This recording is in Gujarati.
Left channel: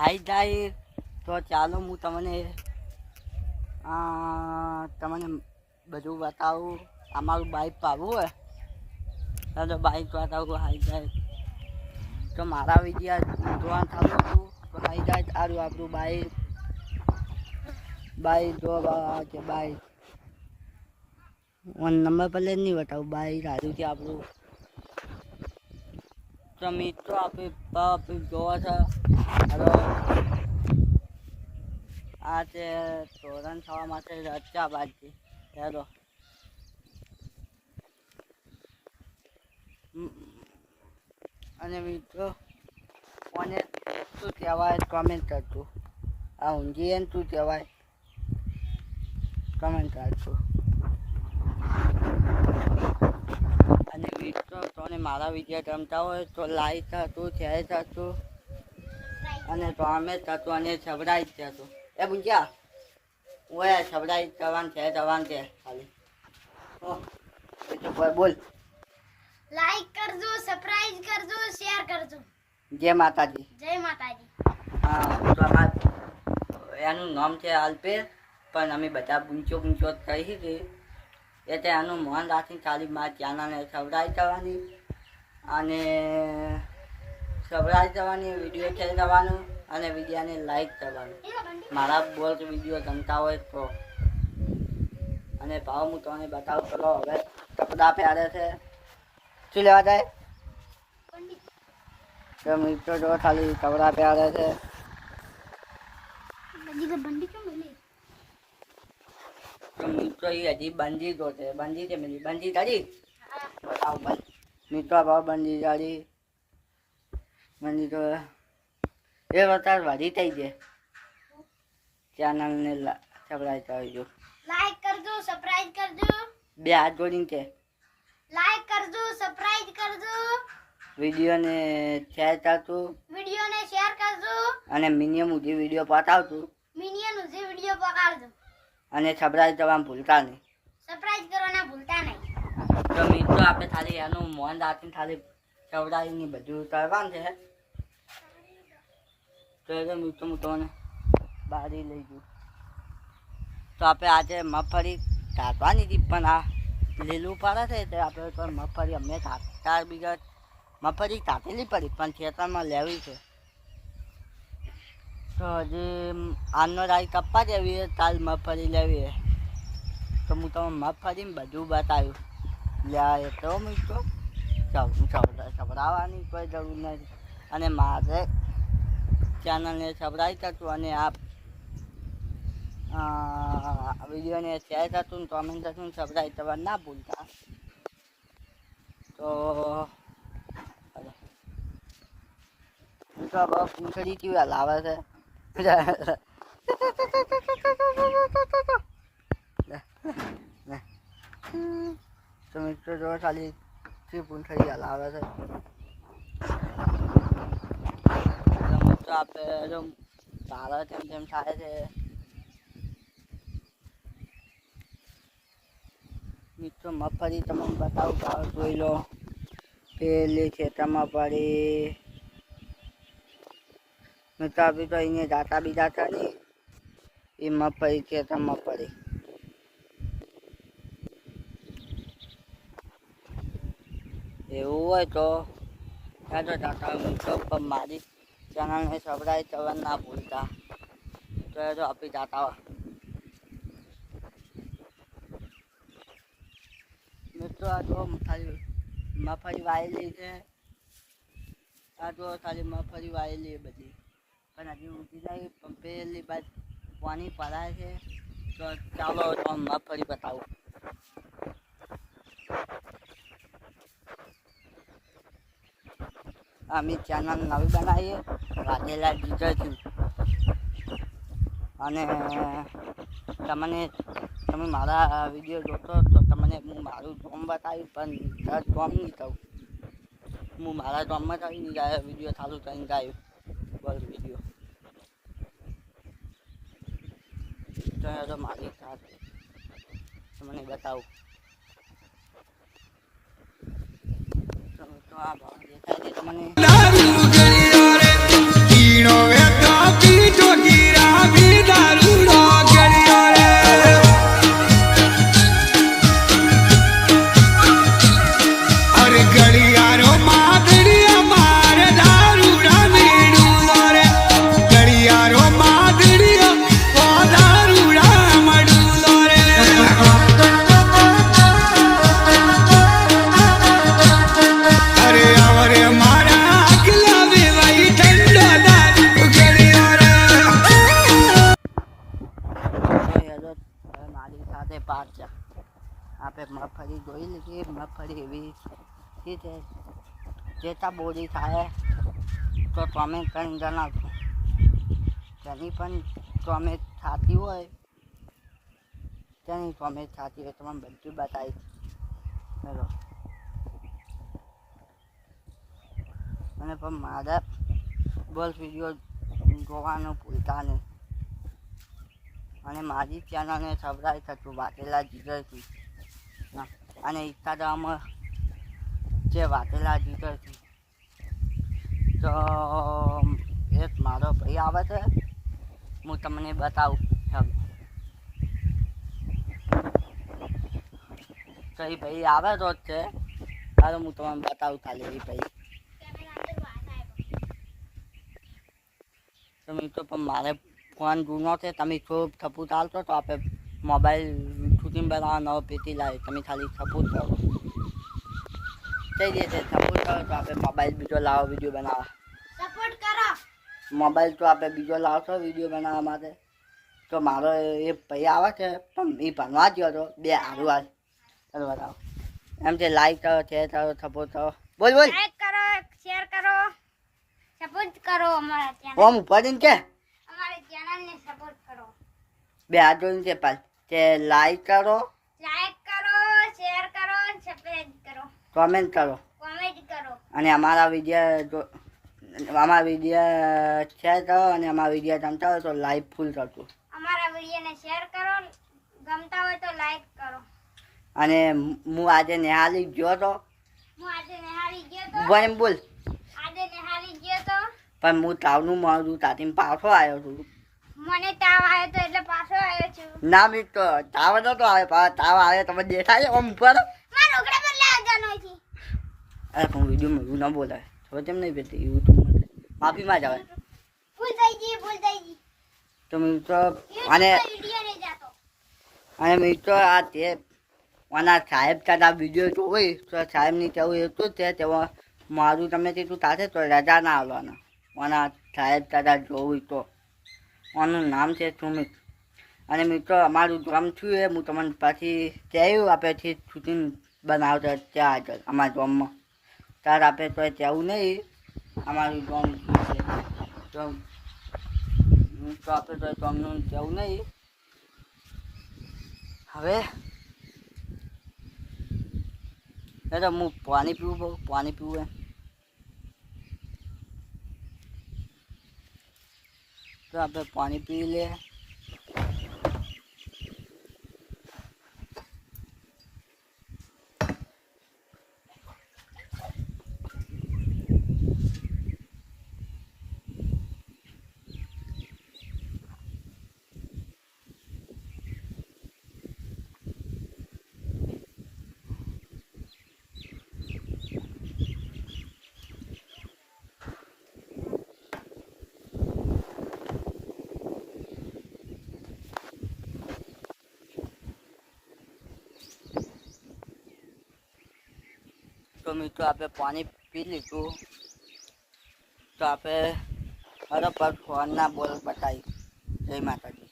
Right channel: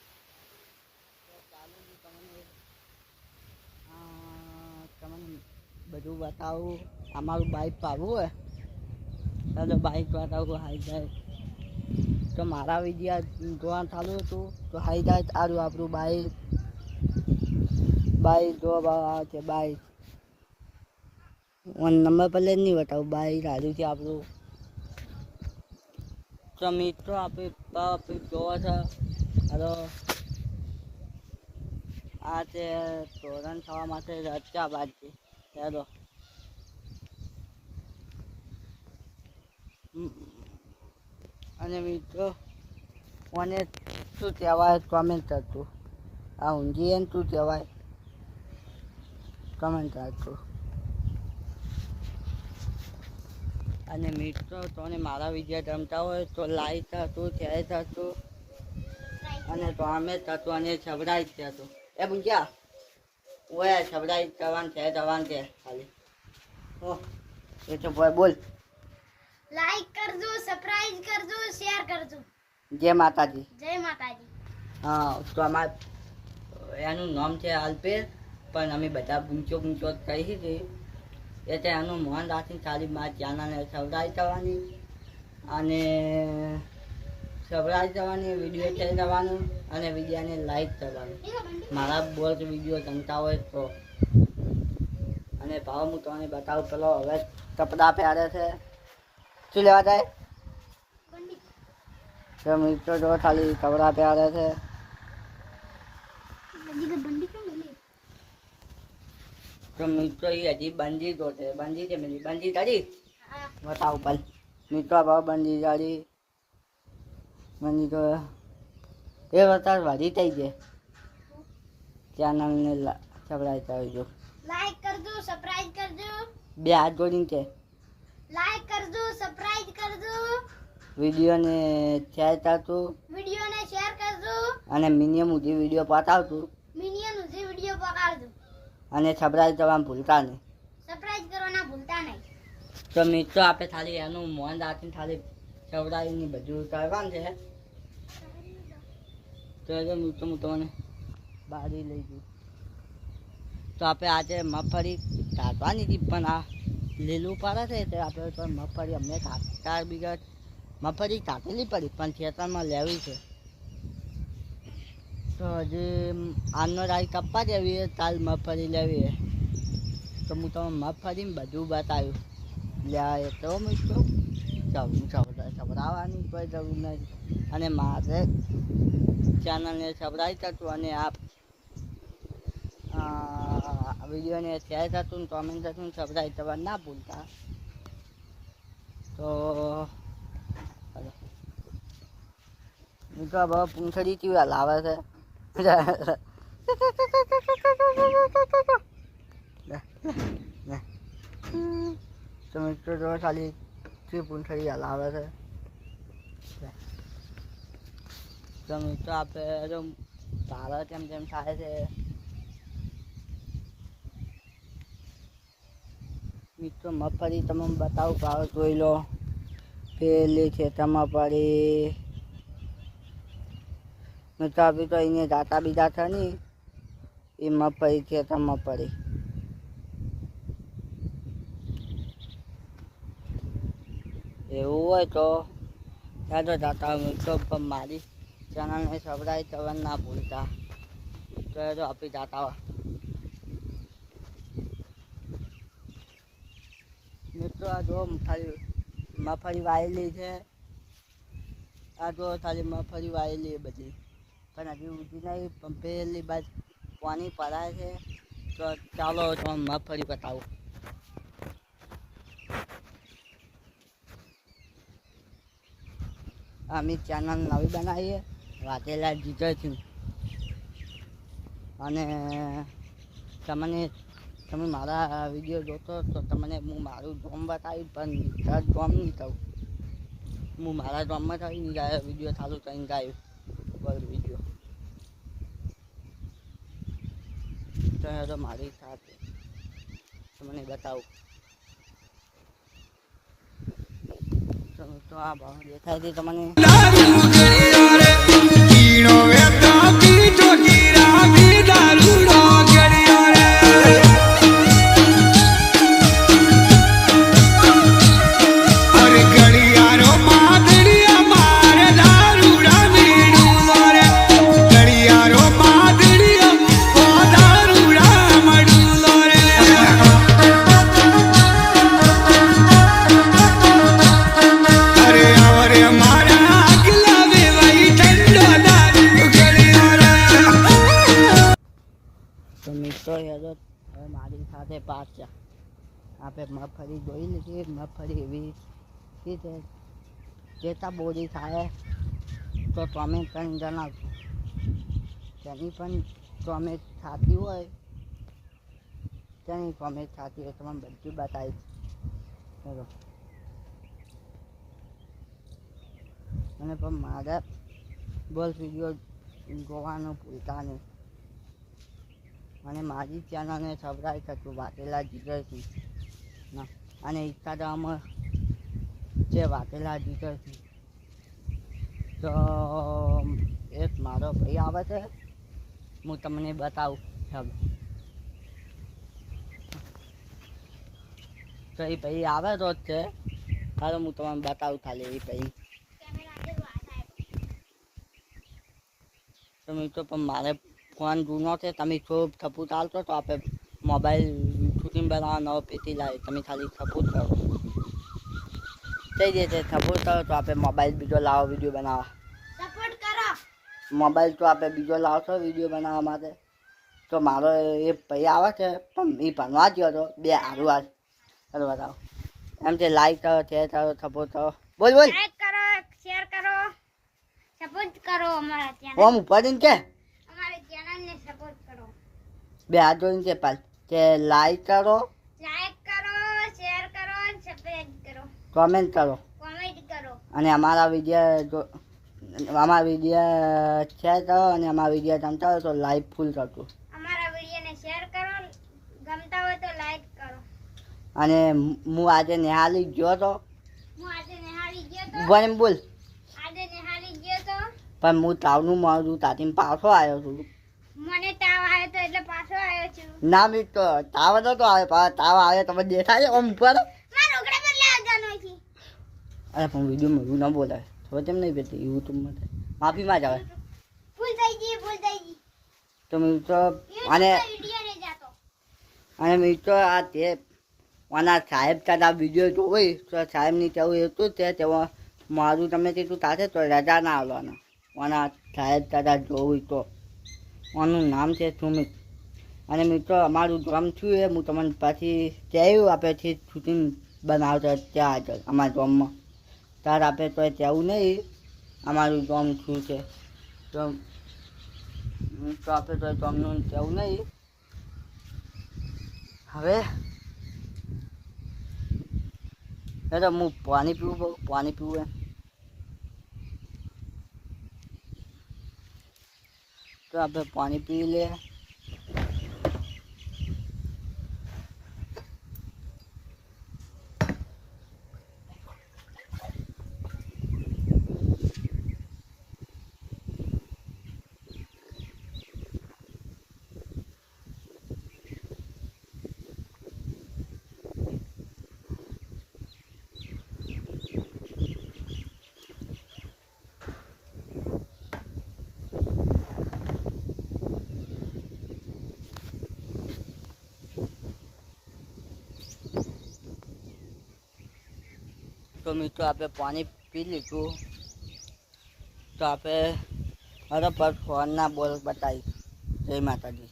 હાઈ જાય તો ચાલો હું તમને બધું બતાવું. અમારું બાઇક પાડવું હોય ચાલો બાઇક બતાવું. હાઈ જાય તો મારા વિડીયા જોવાનું ચાલુ હતું તો હાઈ જાય સારું આપણું બાઇક જોવા છે. બાઇક નંબર પ્લેટ નહીં બતાવું, બાઇક સારું છે આપણું. તો મિત્રો આપણે જોવા છે. હલો આ તે તોરણ થવા માટે રચ્યા બાજરી. ચાલો અને મિત્રો કોને શું કહેવાય કમેન્ટ કરજો. આ ઊંઘી એને શું કહેવાય કમેન્ટ કરજો. અને મિત્રો તોને મારા વિડીયો ગમતા હોય તો લાઈક કરજો, શેર કરજો અને કોમેન્ટ કરજો અને સબસ્ક્રાઇબ કરજો. એ પૂછ્યા ઓય સબસ્ક્રાઇબ કરવાનું છે જવાનું છે ખાલી. ઓ એ તો બોલ લાઈક કરજો, સબસ્ક્રાઇબ કરજો, શેર કરજો. જય માતાજી. જય માતાજી. હા તો એનું નામ છે અલ્પેશ, પણ અમે બધા પૂંચો કહી છે એટલે એનું મન રાખીને ખાલી મારા ચેનલને સબસ્ક્રાઇબ કરવાની અને વિડીયો શેર કરવાનું અને વિડીયોને લાઈક કરવાનું. મારા બોલ વિડીયો ગમતા હોય તો. અને ભાવ હું તમને બતાવું. પેલો હવે કપડાં પહેરે છે. શું લેવા જાય તો મિત્રો જો ખાલી કપડાં પહેરે છે. તો મિત્રો એ હજી બંદી જો છે. બંદી છે મિલી બંદી તારી બતાવું ભાઈ. મિત્રો ભાવ બંદી તારી બંદી તો એ બતાવ વધી થઈ જાય. ચેનલને સબસ્ક્રાઇબ કરજો, લાઈક કરજો, સબસ્ક્રાઇબ કરજો. બે હાથ જોડીને છે. લાઈક કરજો, સબસ્ક્રાઇબ કરજો. વિડીયોને શેર કરતું વિડીયોને શેર કરજો અને મિનિમમ સુધી વિડીયો પતાવતું મિનિયન જે વિડીયો પકાડજો અને સબસ્ક્રાઇબ કરવાનું ભૂલતા નહીં. સબસ્ક્રાઇબ કરવાના ભૂલતા નહીં. તો મિત્રો આપણે ખાલી એનું મન રાખીને ખાલી સબસ્ક્રાઇબની બધું કરવાનું છે. તો એ મિત્રો હું તમને બારી લઈ જઉં. તો આપણે આજે મગફળી કાઢવાની હતી પણ આ લીલું પડે છે એટલે આપણે તો મગફળી અમે 4 બીઘા મગફળી કાઢેલી પડી પણ ખેતરમાં લેવી છે. તો હજી આજનો રાઈ કપ્પા જેવી કાલ મગફળી લેવી. તો હું તમે મગફળીને બધું બતાવ્યું લે તો મિત્રો સબરાવાની કોઈ જરૂર નથી. અને મારે ચેનલને સબસ્ક્રાઇબ કરતું અને વિડીયોને શેર કરતું કોમેન્ટ કરતું સબસ્ક્રાઇબ કરવા ના ભૂલતા. તો મિત્રો બહુ પૂંછડી કેવા લાવે છે. તો મિત્રો જો ખાલી પૂંછડી હલાવે છે. તો મિત્રો આપણે જો તારા તેમ થાય છે. મિત્રો મગફળી તમને બતાવું ભાવ જોઈ લો. પેલી ખેતરમાં પડી મિત્રો આપી તો અહીંયા જાતા બીજા છે ને એ મગફળી ખેતરમાં પડી. એવું હોય તો ચાલો જાતા મિત્રો પણ મારી ચેનલને સબસ્ક્રાઇબ કરવાનું ના ભૂલતા. તો જો આપી જાતા મિત્રો આ જો ખાલી મગફળી વાયેલી છે. આ જો ખાલી મગફળી વાયેલી બધી પણ હજી ઊંચી નહીં પણ પેલી બાદ પાણી પડાય છે. તો ચાલો તો મગફળી બતાવું. અમે ચેનલ નવી બનાવીએ વાઘેલા જીજરથી અને તમે મારા વિડીયો જોતો તો તમને હું મારું જોમ બતાવી પણ જોમ નહીં કહું. હું મારા જોમમાં થઈને ગાયો વિડીયો ચાલુ કરીને ગાયું બોલ વિડીયો. તો મારી સાથે તમને બતાવું. તો આ ભાવ દેખાય છે તમને. પાછા આપણે મગફળી જોઈ લીધી. મગફળી એવી છે જેતા બોરી થાય તો તમે કંઈ જણાવશો. તેની પણ તમે થતી હોય તેની તમે થતી હોય તમને બધું બતાવીશ. ચલો અને પણ મારા બસ વિડીયો જોવાનું ભૂલતા નહીં. અને મારી ચેનલને સબસ્ક્રાઈબ કરજો વાટેલા જીગરથી ના. અને ઇન્સ્ટાગ્રામમાં જે વાટેલા જીગરથી તો એક મારો ભાઈ આવે છે, હું તમને બતાવું. ચાલો તો એ ભાઈ આવે તો જ છે. હાલો હું તમને બતાવું ખાલી એ ભાઈ. તો મિત્રો પણ મારે ફોન જૂનો છે. તમે ખૂબ સપોર્ટ આપશો તો આપણે મોબાઈલ શૂટિંગ બનાવવા નવો પેટી લાવી. તમે ખાલી સપોર્ટ કરો થઈ જશે. સપોર્ટ કરો તો આપણે મોબાઈલ બીજો લાવો વિડીયો બનાવવા. સપોર્ટ કરો. મોબાઈલ તો આપણે બીજો લાવશો વિડીયો બનાવવા માટે. તો મારો એ ભાઈ આવે છે પણ એ ભણવા ગયો હતો. બે હારું હાલ ચાલો બતાવો. એમ છે લાઈક કરો, શેર કરો, સપોર્ટ કરો. બોલ બોલ. લાઈક કરો, શેર કરો, સપોર્ટ કરો અમારા ચેનલ. ઓમ ઉપાડીને કે અમારી ચેનલને સપોર્ટ કરો. બે હાથ જોઈને છે પાલ કે લાઈક કરો, લાઈક કરો, શેર કરો, સબસ્ક્રાઇબ કરો, કોમેન્ટ કરો. કોમેન્ટ કરો. અને અમારા વિડીયો શેર કરો. અને અમારા વિડીયો ગમતા હોય તો લાઈક ફૂલ કરજો. અમારા વિડીયોને શેર કરો, ગમતા હોય તો લાઈક કરો. અને હું આજે નિહાળી ગયો તો હું આજે નિહાળી ગયો તો. બોલ બોલ. આજે નિહાળી ગયો તો પણ હું તાવનું મારું તાતીને પાછો આવ્યો છું. મને તાવ આવ્યો તો એટલે પાછો આવ્યો છું. ના મિત્રો તાવ નતો આવ્યો. તાવ આવ્યો તમે દેખાય આમ ઉપર. મારો ઘરે બદલાવા જવાનો છે. અરે પણ વિડીયો મળ્યું ના બોલાય ખબર કેમ નહીં બેઠી યુટ્યુબમાં માફીમાં જ આવે. ભૂલ થઈ ગઈ, ભૂલ થઈ ગઈ. તો મિત્રો અને વિડીયો નહીં જાતો. મિત્રો આ તે આના સાહેબ તારા વિડીયો જોઈ તો સાહેબની કેવું એટલું જ છે તેમાં મારું તમે તેટલું થશે તો રજા ના આવવાના. આના સાહેબ તારા જોવું તો આનું નામ છે સુમિત. અને મિત્રો અમારું ગામ છું એ હું તમને પછી કહેવું આપણે શૂટિંગ બનાવતા ત્યાં આગળ અમારા ગામમાં. ત્યારે આપણે તો કહેવું નહીં અમારું ગામ શું છે તો આપણે તો ગામનું કહેવું નહીં. હવે તો હું પાણી પીવું પાણી પીવું એમ તો આપણે પાણી પી લે. તો મિત્રો આપણે પાણી પી લીધું તો આપણે હરો પર ફોનના બોલ બતાવી. જય માતાજી.